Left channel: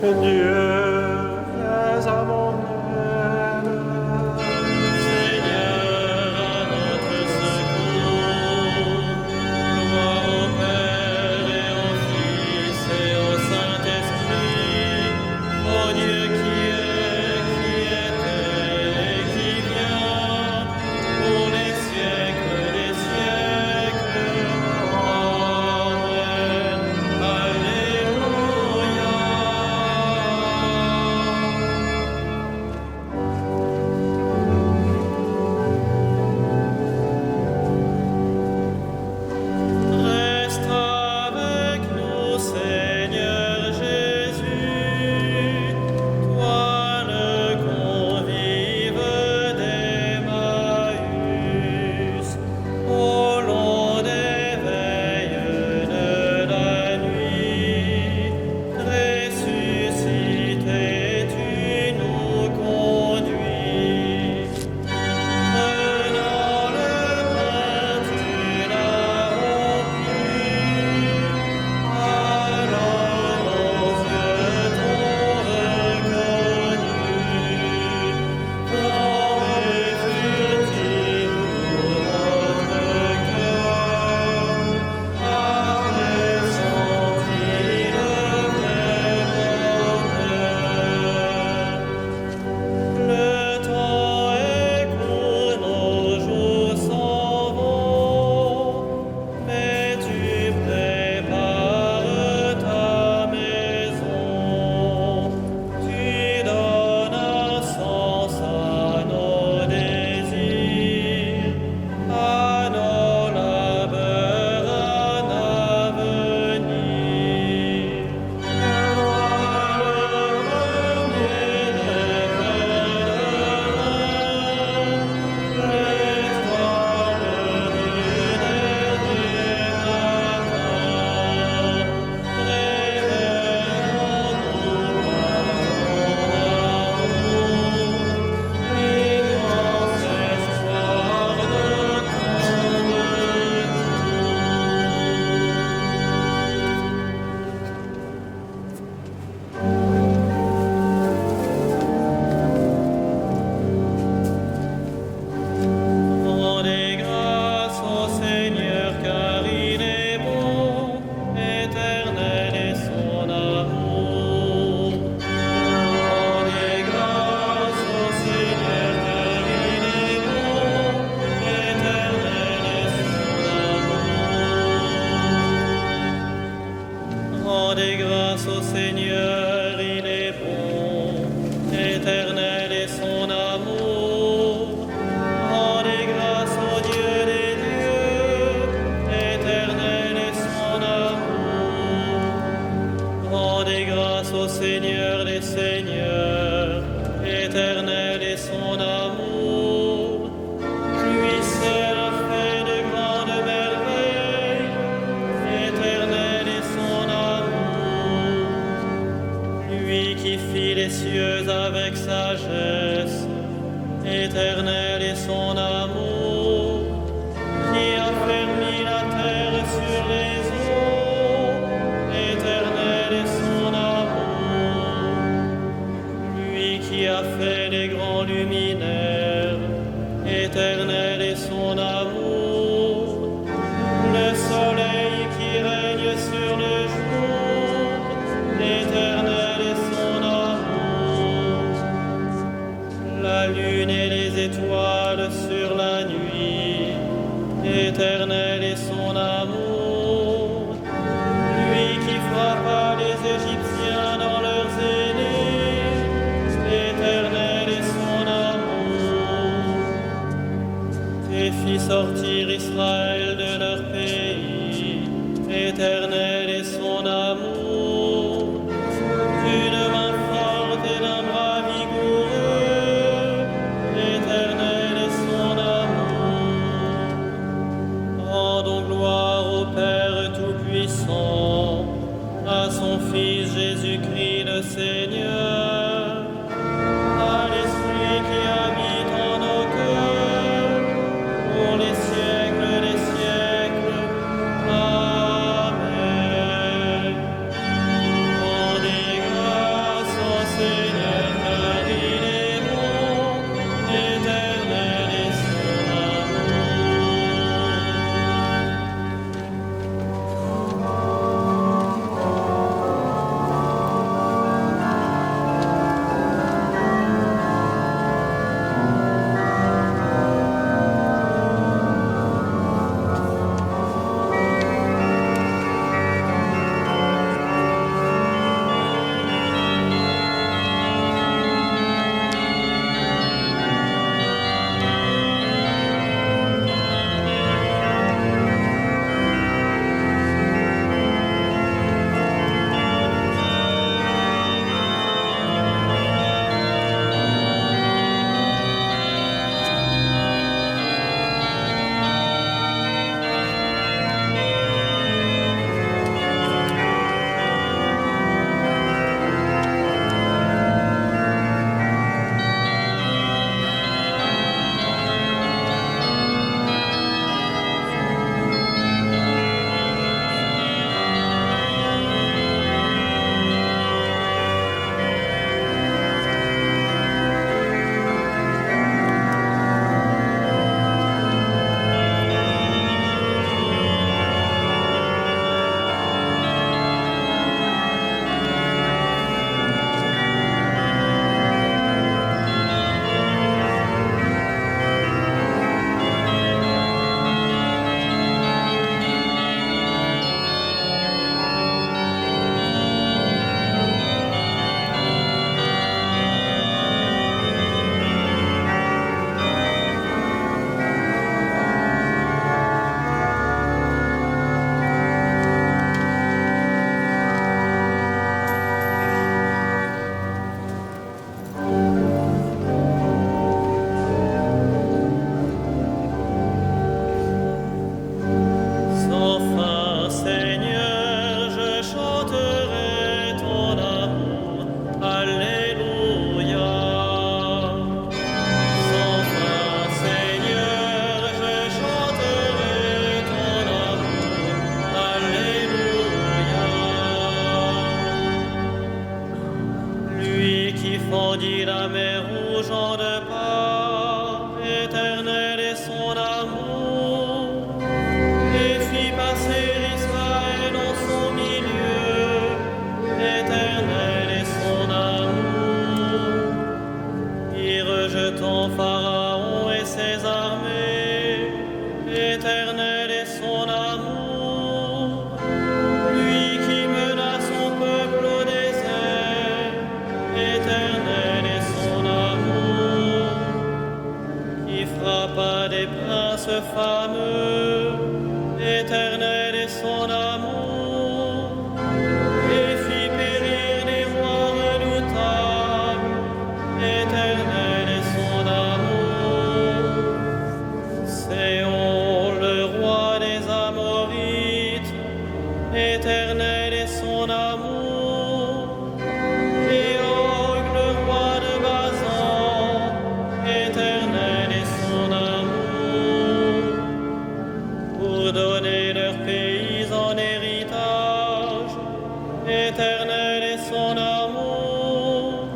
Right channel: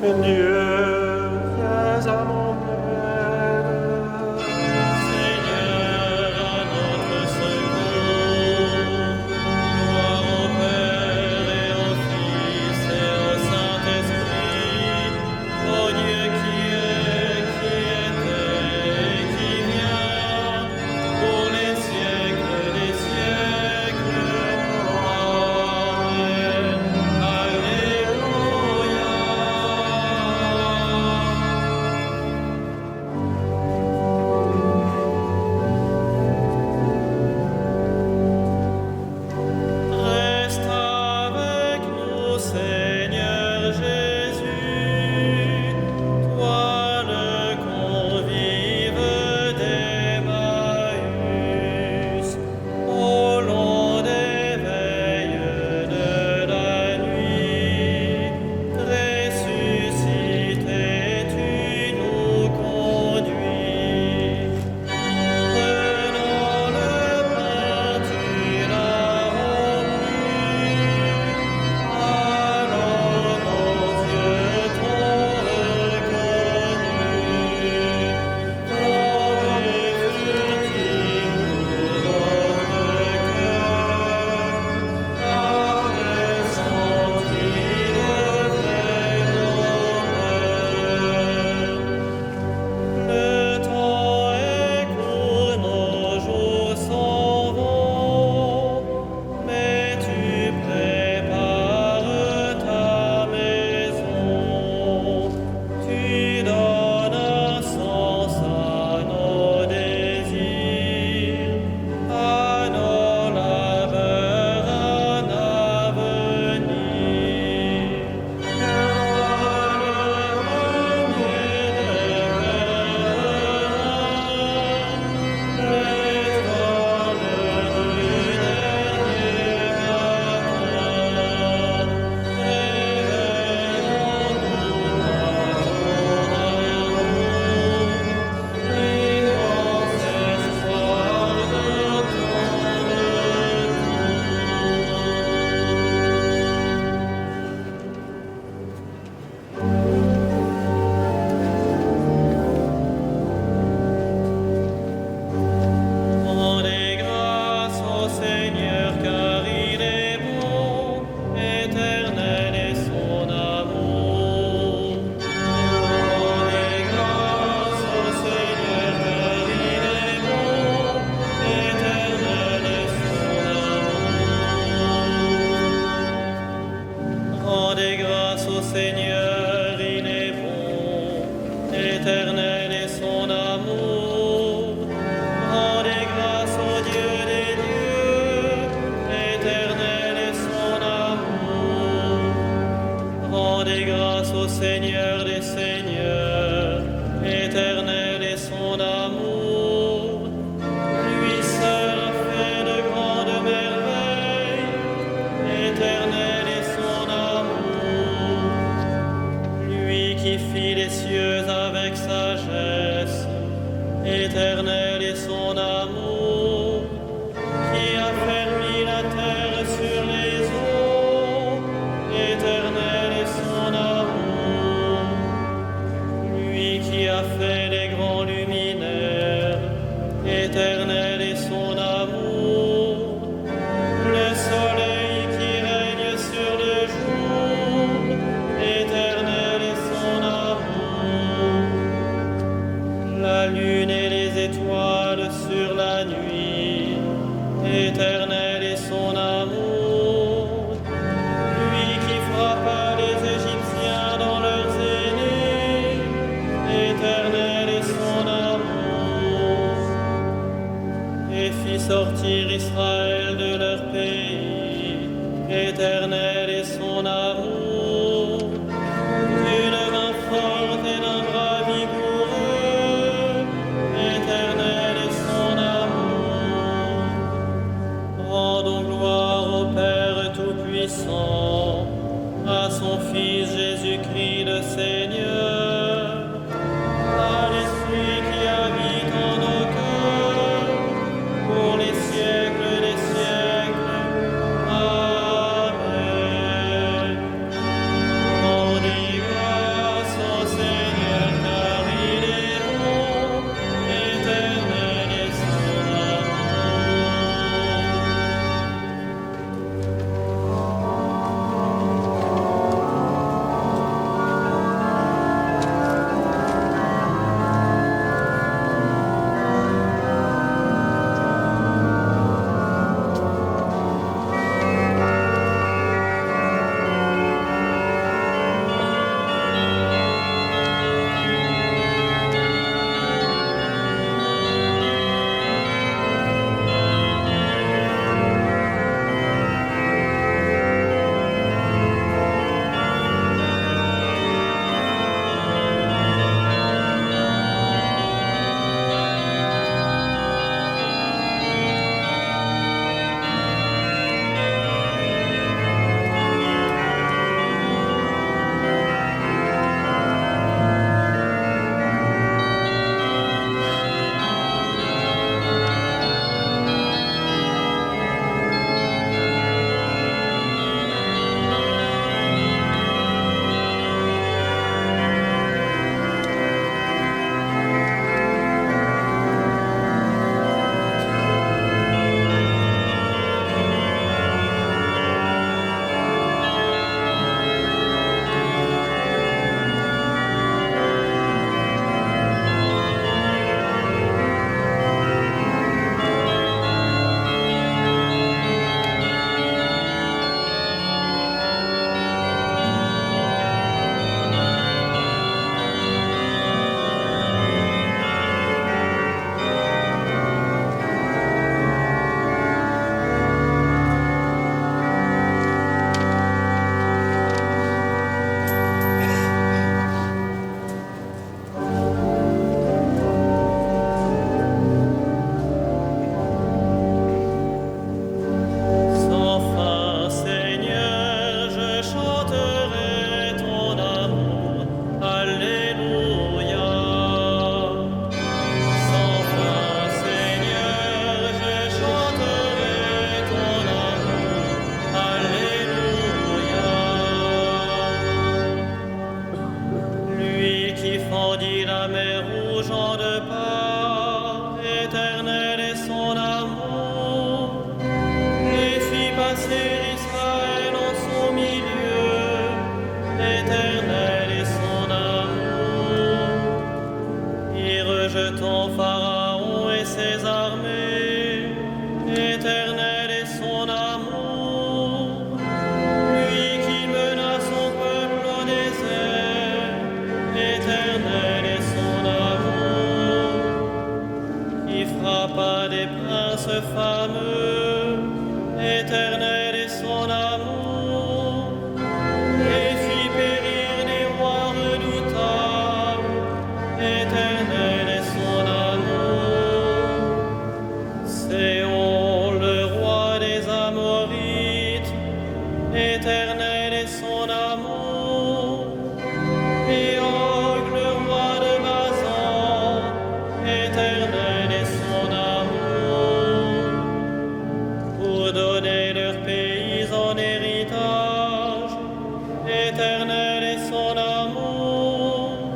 Dieu, viens à mon aide. Seigneur, à notre secours. Gloire au Père et au Fils et au Saint-Esprit, au Dieu qui est, qui était et qui vient, pour les siècles des siècles. Amen. Alléluia. Reste avec nous, Seigneur Jésus, toi le convive d'Emmaüs, au long des veilles de la nuit, ressuscité, tu nous conduis. Prenant le pain, tu l'as rompu, alors nos yeux t'ont reconnu. Flambée furtive notre cœur a ressenti le vrai bonheur. Le temps est court, nos jours s'en vont, mais tu prépares ta maison. Tu donnes un sens à nos désirs, à nos labeurs un avenir. Le roi le premier révélera l'étoile du dernier matin. Réveillons-nous par ton amour, immense espoir de ton retour. Rendez grâce au Seigneur car il est bon, éternel est son amour. Rendez grâce au Seigneur car il est bon, éternel est son amour. Rendez grâce au Seigneur, il est bon, éternel est son amour. Rendez grâce au Dieu des dieux, éternel est son amour. Rendez grâce au Seigneur des seigneurs, éternel est son amour. Lui seul a fait de grandes merveilles, éternel est son amour. Lui qui fit les cieux avec sagesse, éternel est son amour. Qui a fermi la terre sur les eaux, éternel est son amour. Lui qui a fait les grands luminaires, éternel est son amour. Le soleil qui règne sur le jour, éternel est son amour. La lune et les étoiles sur la nuit, éternel est son amour. Lui qui frappa les Égyptiens dans leurs aînés, éternel est son amour. Et fit sortir Israël de leur pays, éternel est son amour. D'une main forte et d'un bras vigoureux, éternel est son amour. Rendons gloire au Père Tout-Puissant, à son Fils Jésus-Christ le Seigneur, à l'Esprit qui habite en nos cœurs, pour les siècles des siècles. Amen. Rendez grâce qui fendit la mer rouge en deux parts, éternel est son amour, et fit passer Israël en son milieu, éternel est son amour. Y rejetant Pharaon et ses armées, éternel est son amour, lui qui mena son peuple au désert, éternel est son amour, qui frappa des princes fameux, éternel est son amour, et fit périr les rois redoutables, éternel est son amour. Séon, le roi des Amorites, éternel est son amour, et Og, le roi de Basan, éternel est son amour, pour donner leur pays en héritage, éternel est son amour,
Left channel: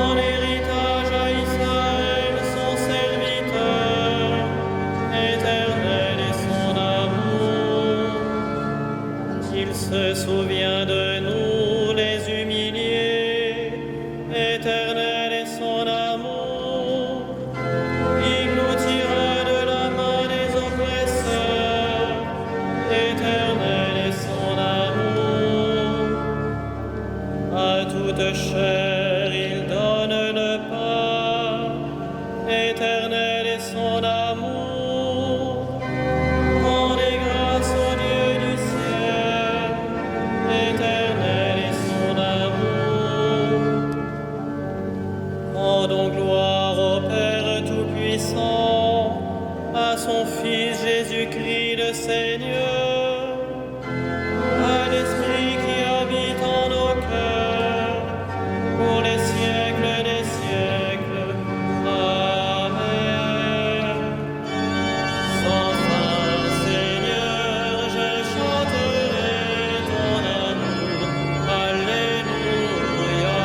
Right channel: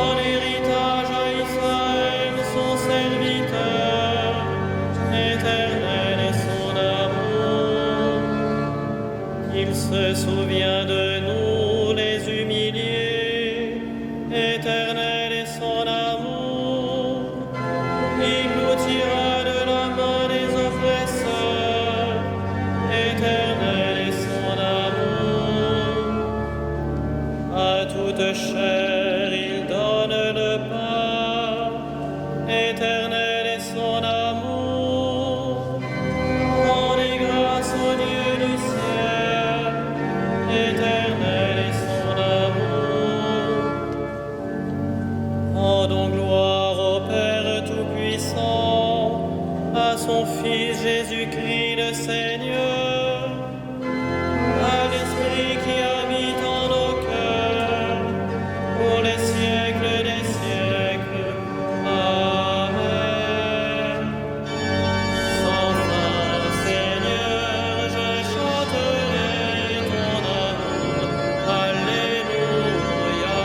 en héritage à Israël son serviteur, éternel est son amour. Il se souvient de nous les humiliés, éternel est son amour. Il nous tira de la main des oppresseurs, éternel est son amour. À toute chair il donne le pain, éternel est son amour. Rendez grâce au Dieu du ciel, éternel est son amour. Rendons gloire au Père Tout-Puissant, à son Fils Jésus-Christ le Seigneur, à l'Esprit qui habite en nos cœurs, pour les siècles des siècles. Amen. Sans fin, Seigneur, je chanterai ton amour. Alléluia.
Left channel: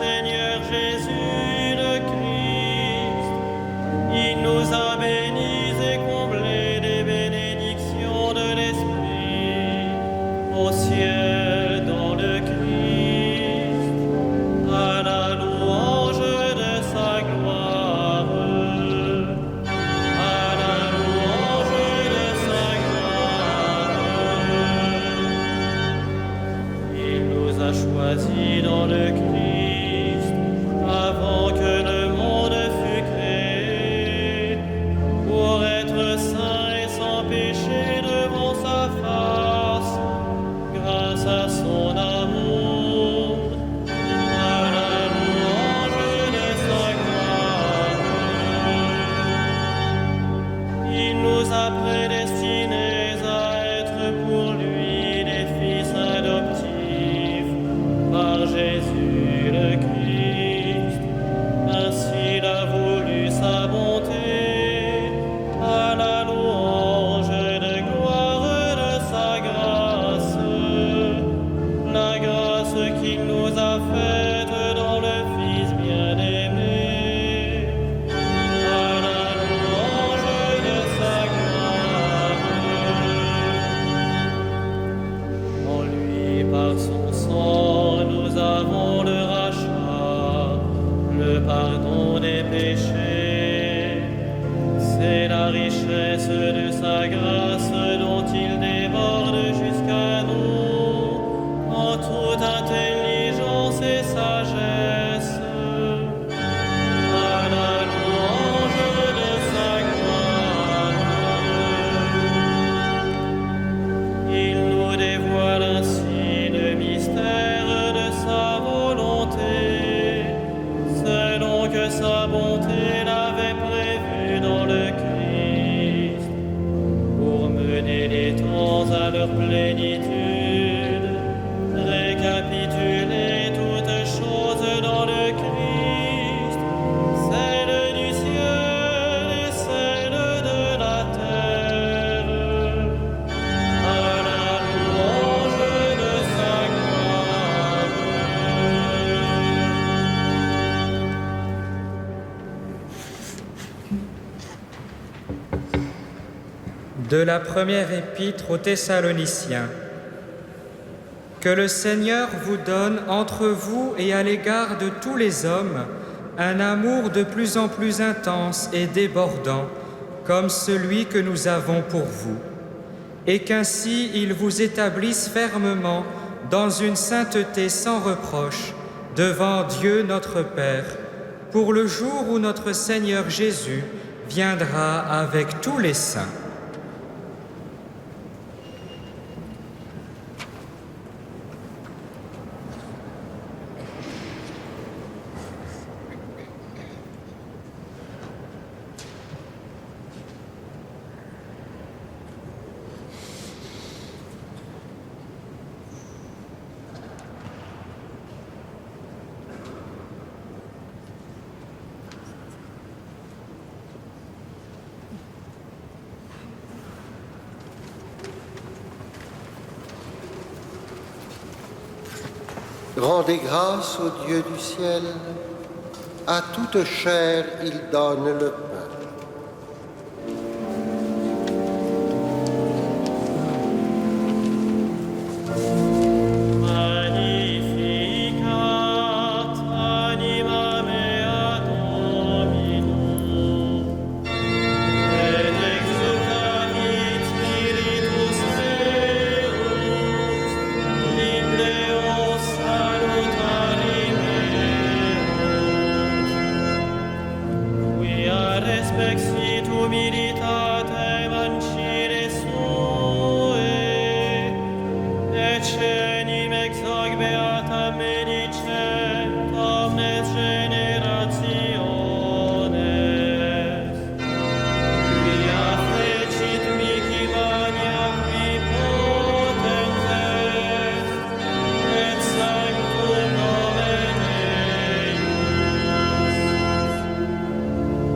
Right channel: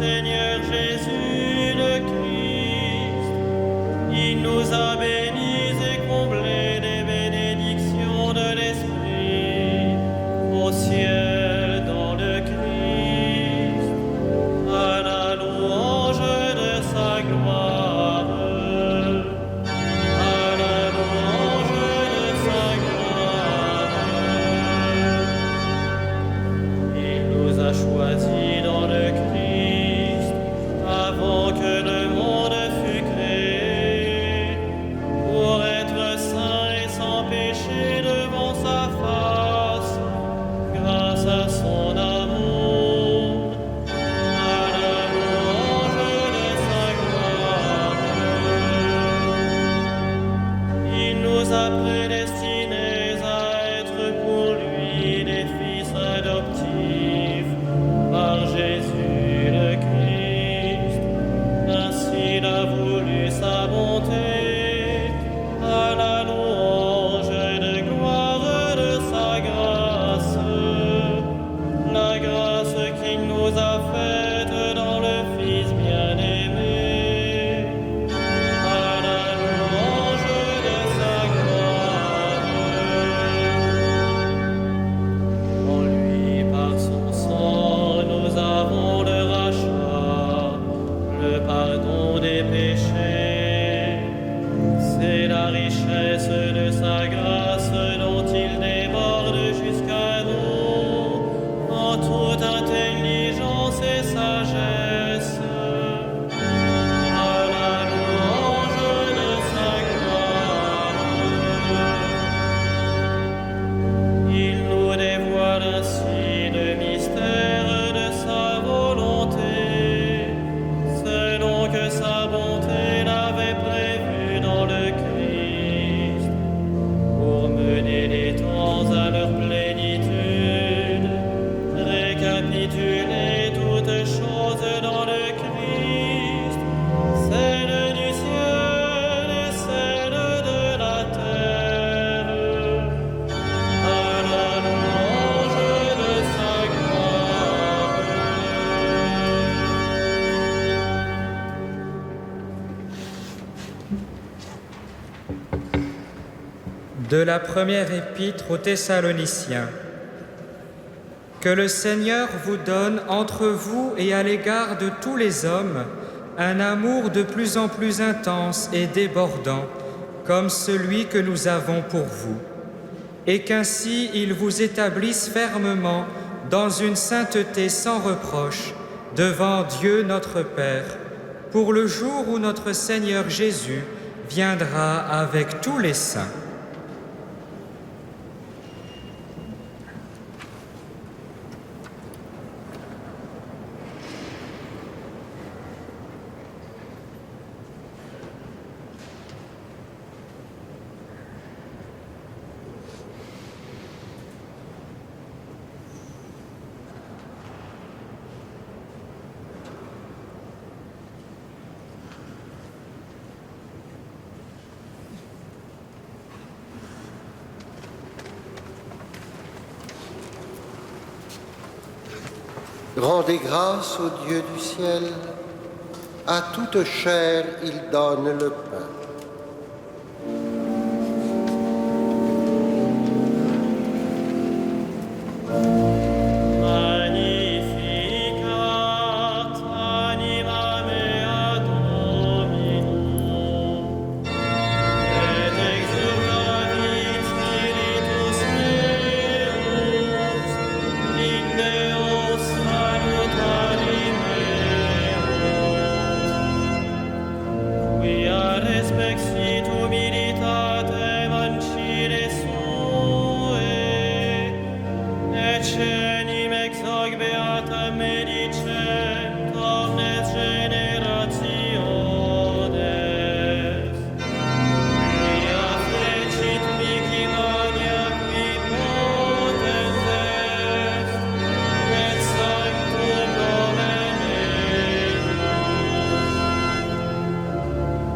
Seigneur Jésus le Christ. Il nous a bénis et comblés des bénédictions de l'Esprit au ciel dans le Christ, à la louange de sa gloire, à la louange de sa gloire. Il nous a choisis dans le Christ avant que le monde fût créé, pour être saints et sans péché devant sa face, grâce à son amour, à par Jésus le Christ. Ainsi il a voulu sa bonté, à la louange de gloire de sa grâce, la grâce qu'il nous a faite dans le Fils bien-aimé, à la louange de sa gloire. En lui, par son sang, nous avons le rachat, le pardon des péchés. C'est la richesse de sa grâce dont il déborde jusqu'à nous, en toute intelligence et sagesse, à la louange de sa gloire. Il nous dévoile ainsi le mystère de sa volonté, selon que sa bonté l'avait prévu dans le Christ, pour mener les temps à leur plénitude, récapituler toutes choses dans le Christ, celles du ciel et celles de la terre, à la louange de sa gloire. De la première épître aux Thessaloniciens. Que le Seigneur vous donne entre vous et à l'égard de tous les hommes un amour de plus en plus intense et débordant, comme celui que nous avons pour vous, et qu'ainsi il vous établisse fermement dans une sainteté sans reproche devant Dieu notre Père, pour le jour où notre Seigneur Jésus viendra avec tous les saints. Rendez grâce au Dieu du ciel, à toute chair il donne le pain. Magnificat anima mea Dominum, et exultavit spiritus meus, in Deo salutari meum. Quia respexit humilitatem ancile sue, et cenim ex hoc beatam medicent omnes generationes. Quia fecit mihi mania qui potens est, et sanctum nomen eius.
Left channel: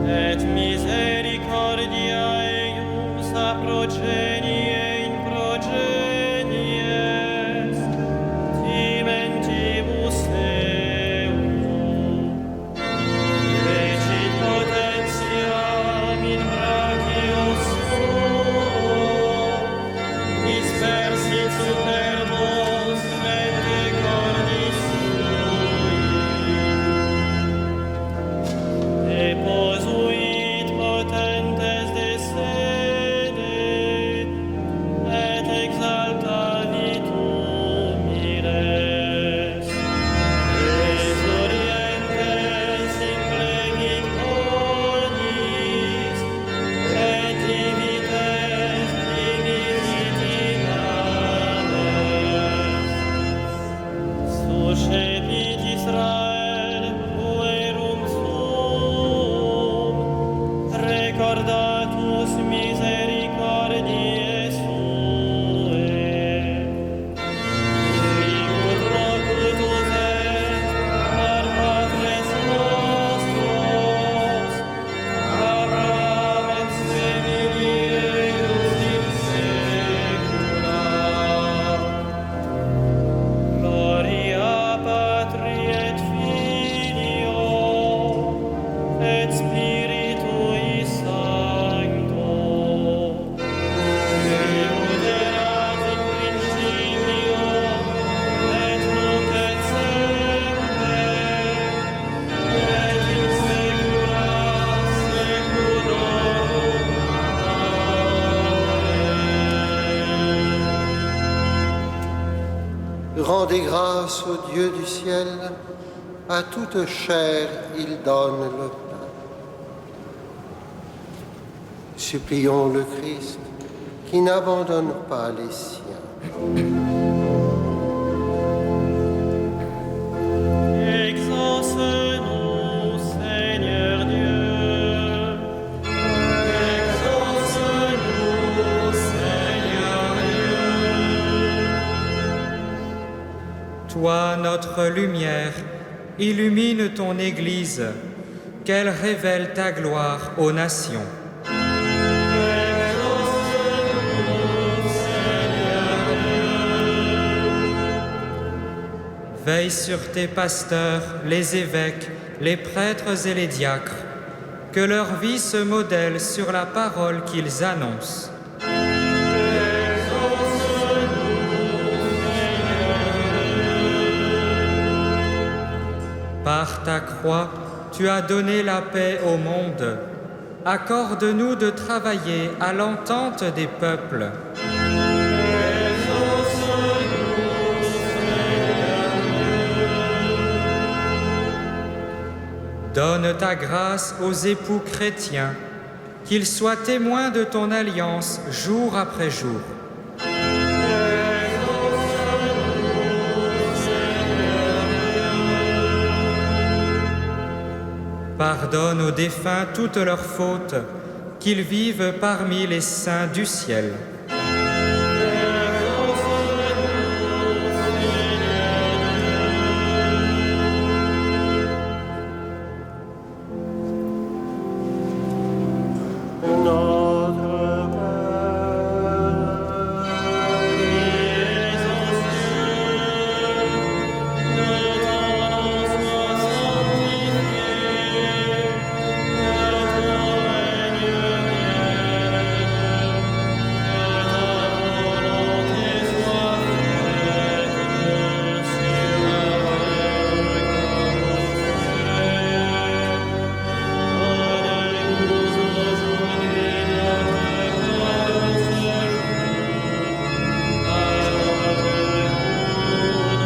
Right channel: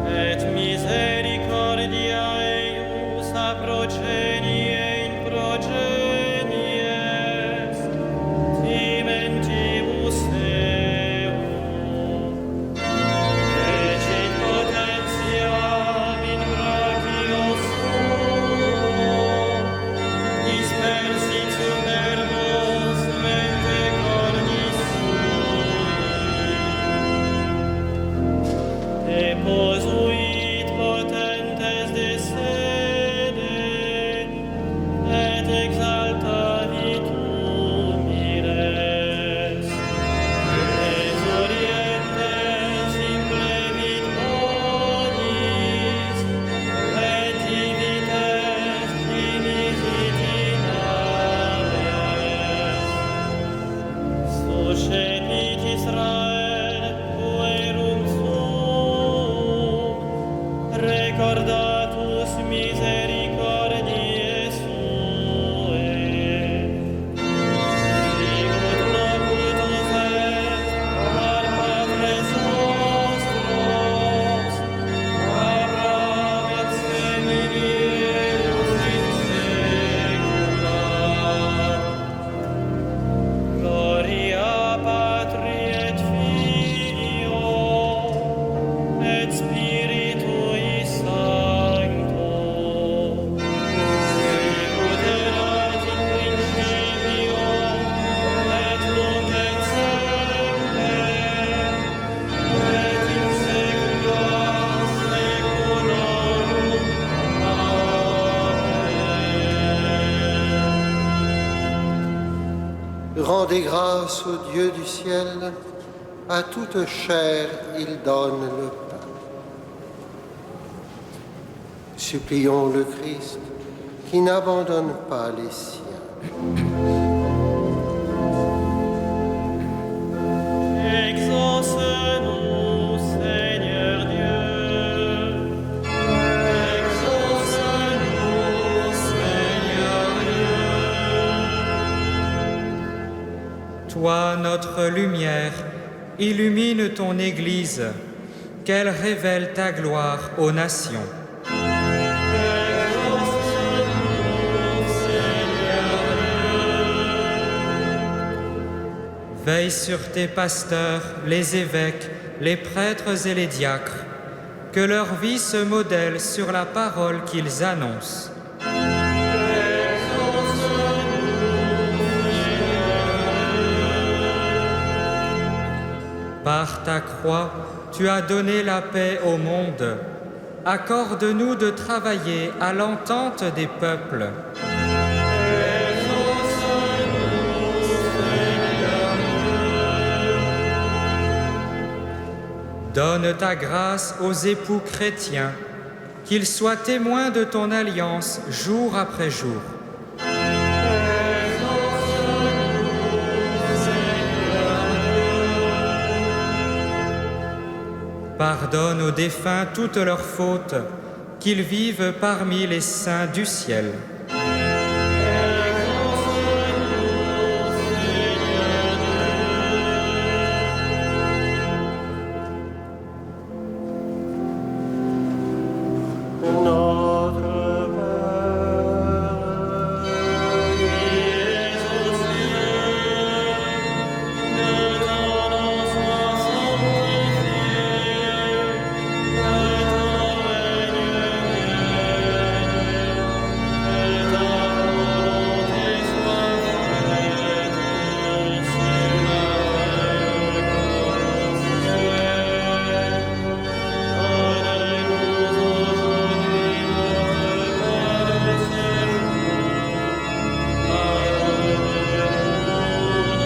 Et misericordia eius a progenie in progenies, timentibus eum. Recit potentiam in brachio suo, dispersit superbos mente cordis sui. Deposuit potentes de sede, et exaltavit humiles. Les orientes implevit bonis, et divites dimisit in ames. Suscepit Israel puerum sum, recordatus misericordiae sue. Sicut locutus Rendez grâce au Dieu du ciel. À toute chair, il donne le pain. Supplions le Christ qui n'abandonne pas les siens. Exauce-nous, Seigneur Dieu. Exauce-nous, Seigneur Dieu. Toi, notre lumière, illumine ton Église, qu'elle révèle ta gloire aux nations. Exauce-nous, Seigneur Dieu. Veille sur tes pasteurs, les évêques, les prêtres et les diacres, que leur vie se modèle sur la parole qu'ils annoncent. Par ta croix, tu as donné la paix au monde. Accorde-nous de travailler à l'entente des peuples. Donne ta grâce aux époux chrétiens, qu'ils soient témoins de ton alliance jour après jour. Pardonne aux défunts toutes leurs fautes, qu'ils vivent parmi les saints du ciel. Notre Père, Qui es aux cieux, que ton nom soit sanctifié, que ton règne vienne, que ta volonté soit faite sur la terre comme au ciel. Donne-nous aujourd'hui notre pain de ce jour. Pardonne-nous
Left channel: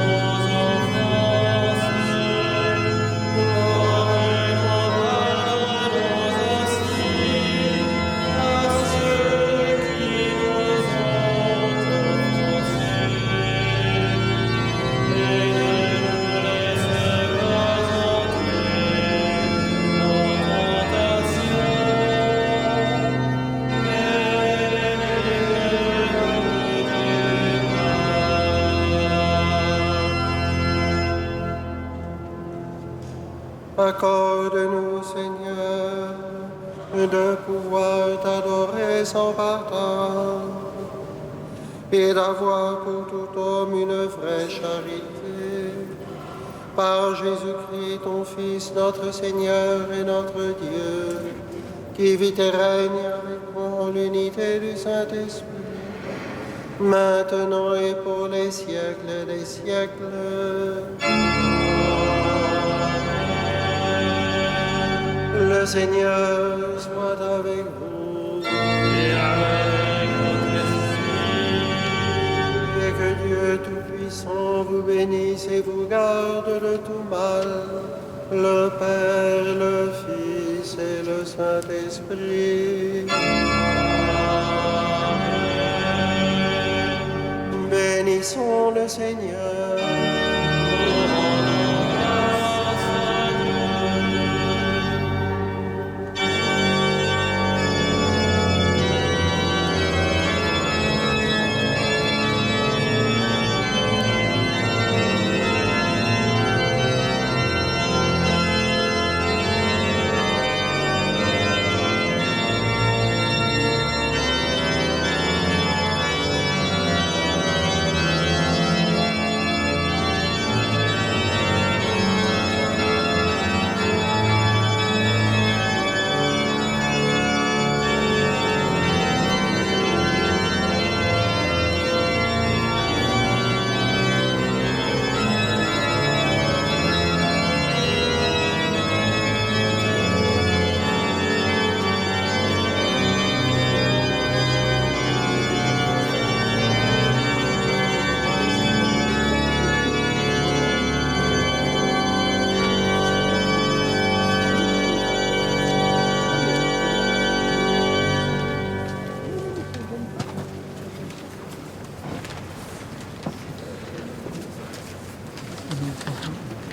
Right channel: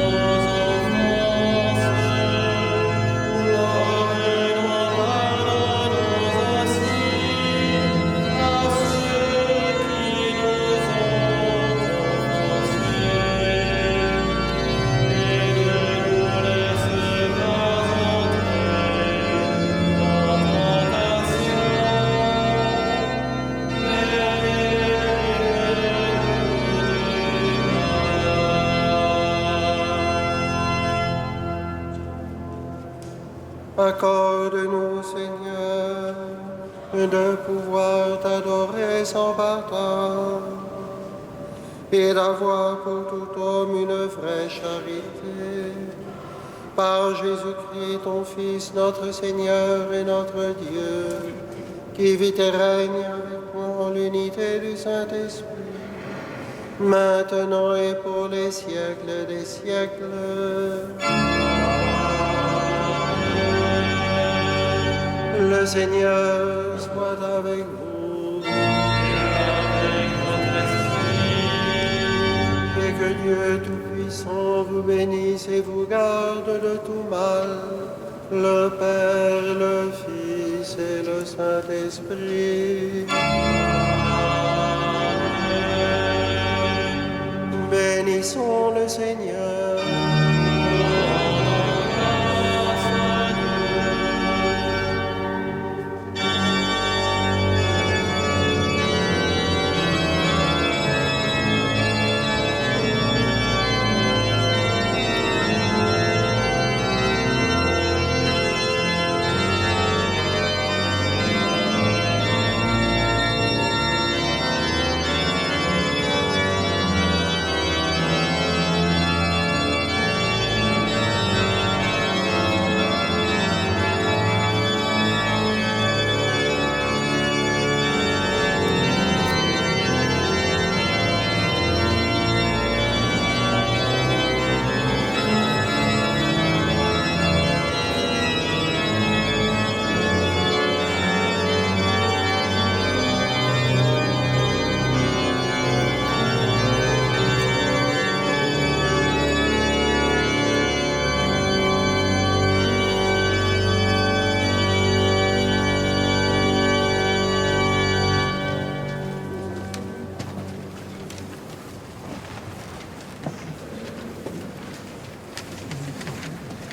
nos offenses, comme nous pardonnons aussi à ceux qui nous ont offensés. Et ne nous laisse pas entrer en tentation, mais délivre-nous du mal. Accorde-nous, Seigneur, de pouvoir t'adorer sans partage et d'avoir pour tout homme une vraie charité. Par Jésus-Christ, ton Fils, notre Seigneur et notre Dieu, qui vit et règne avec toi en l'unité du Saint-Esprit, maintenant et pour les siècles des siècles. Le Seigneur soit avec vous Avec votre esprit, et que Dieu Tout-Puissant vous bénisse et vous garde de tout mal, le Père, le Fils et le Saint-Esprit. Bénissons le Seigneur.